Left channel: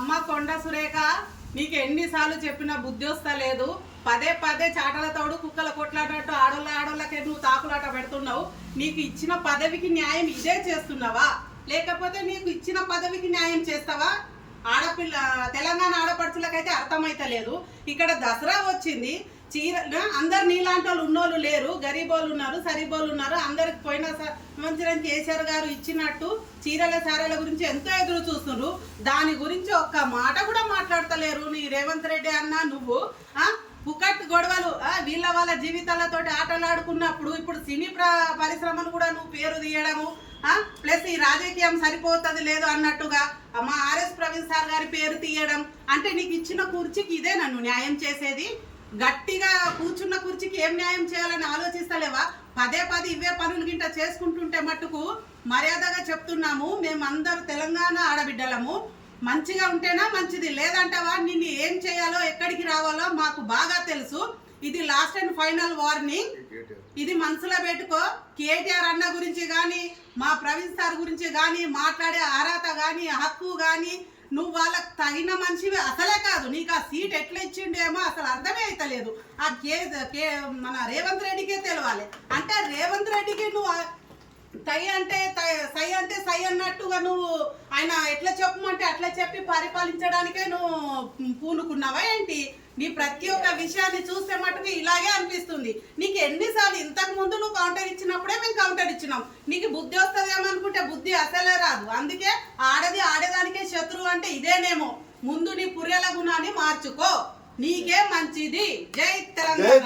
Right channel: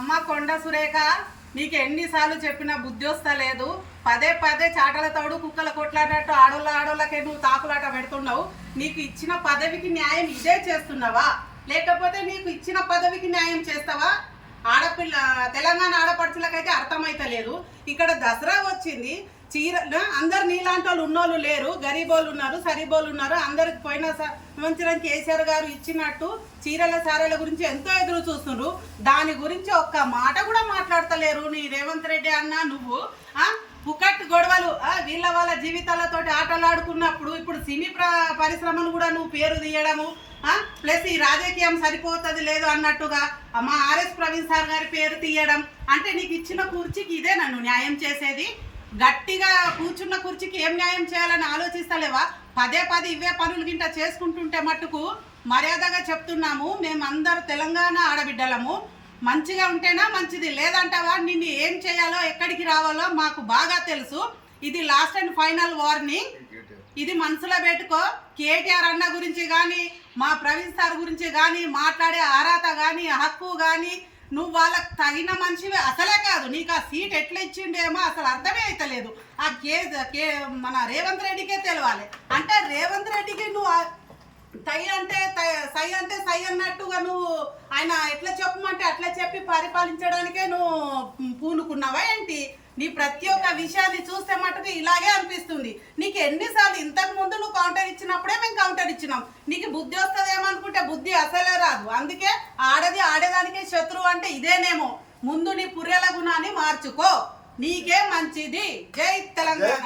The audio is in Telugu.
అమ్మ కొండ సురేఖ నీకు ఎన్నిసార్లు చెప్పినా బుద్ధి వస్తలేదు. పదే పదే చాటల తోడు కుక్కల కొట్లాడినట్టు ఆడోళ్ళకే నువ్వు తాకులాట పెడుతున్నావు. నీకు ఇచ్చిన పదవికి న్యాయం ఇదే చేస్తున్నావా, లేకపోతే నీకు ఇచ్చిన పదవికి న్యాయం చేస్తావా? ఆడపిల్ల తెలంగాణ ఆడపడుచులకైతే అర్థమైతలేదు. ఇక్కడ దసరా వచ్చింది, చీర అందరు నీలాంటి వాళ్ళు ఉన్నోళ్ళు లేరు, గరీబోళ్ళు ఉన్నారు, సరీబోళ్ళు ఉన్నారు. అందరికి పోయిన సంవత్సరం కేసీఆర్ గారు ఇచ్చినట్టు చీరల సారాల గురించి ఎంతో ఎదురు చూస్తున్నారు. దాని గురించి ఒక్క మాట కూడా మాట్లాడతలేరు నీ రేవంత్ రెడ్డి అన్న. నువ్వు పుకట్ గొడవలు వాళ్ళ జీవితాలతోటి ఆటలాడుకున్నప్పుడు ఇప్పుడు సినీ పరిశ్రమను కూడా నువ్వు పేరు తీయడము, ప్లస్ ఈ రాజకీయం సరిపోతుంది లేదు అన్నట్టుగా మా ఆర్ఎస్ ప్రవీణ్ సార్ గారి పేరు తీయడం అంటే నీకు ఇచ్చిన కుర్చీకి ఇదే నన్ను న్యాయం చేసేది? గట్టిగా కూర్చున్న కుర్చీకి ఏం న్యాయం చేయాలని ఆలోచిస్తలేవా? పదే పదే ఇవే పనులు గింట చేసుకుంటుంటే మట్టుకు మర్యాదగా చెప్తున్నాము, మేమందరూ తెలంగాణ ఆడబిడ్డలము. మంచిగా ఉంటేనా మంచిది, లేదంటావా నిన్ను ఏం చేయాలో ఎక్కడికి రావాలో మాకు బాగా తెలుసు. ఇది లాస్ట్ అండ్ ఫైనల్ వార్నింగ్. ఇది మనసులో పెట్టుకో. కేటీఆర్ అన్న గురించి కానీ మా ప్రవీణ్ సార్ గురించి కానీ మాట్లాడే అర్హత కానీ హక్కు కానీ నువ్వు వాళ్ళకి తగిన మనిషివి అసలే కాదు. నీకు ఆ సీట్ ఎట్లా ఇచ్చిండేమో అసలు అర్థమే అవుతలేదు. ఆ మన రేవంత్ రెడ్డికే తెలవాలి. అంటే రేవంత్ రెడ్డికి నువ్వు సై అంటే సై అన్నట్టుగా నువ్వు ఆయన ఎట్లా చెప్పమంటే అట్లా చెప్పి పరిపాలించడానికే నువ్వు పూనుకున్నావా ఏంటి? నీ ప్రతి ఒక్క విషయాన్ని చూస్తే మటుకు ఇలాగే అనిపిస్తుంది. నీకు ఎన్నిసార్లు ఇంతకు ముందు నువ్వు కౌంటర్ ఇచ్చినప్పుడే మేము కౌంటర్ ఇచ్చినాం. నీకు బుద్ధి వస్తుందేమనుకుంటే బుద్ధి అసలే రాదు. అందుకే ఆడేదానికే శత్రువు అంటే ఇదేనేమో. ముందు నీ పుర్రెల గుణాన్ని మార్చుకో, నీకే మంచిది. జై తెలంగాణ.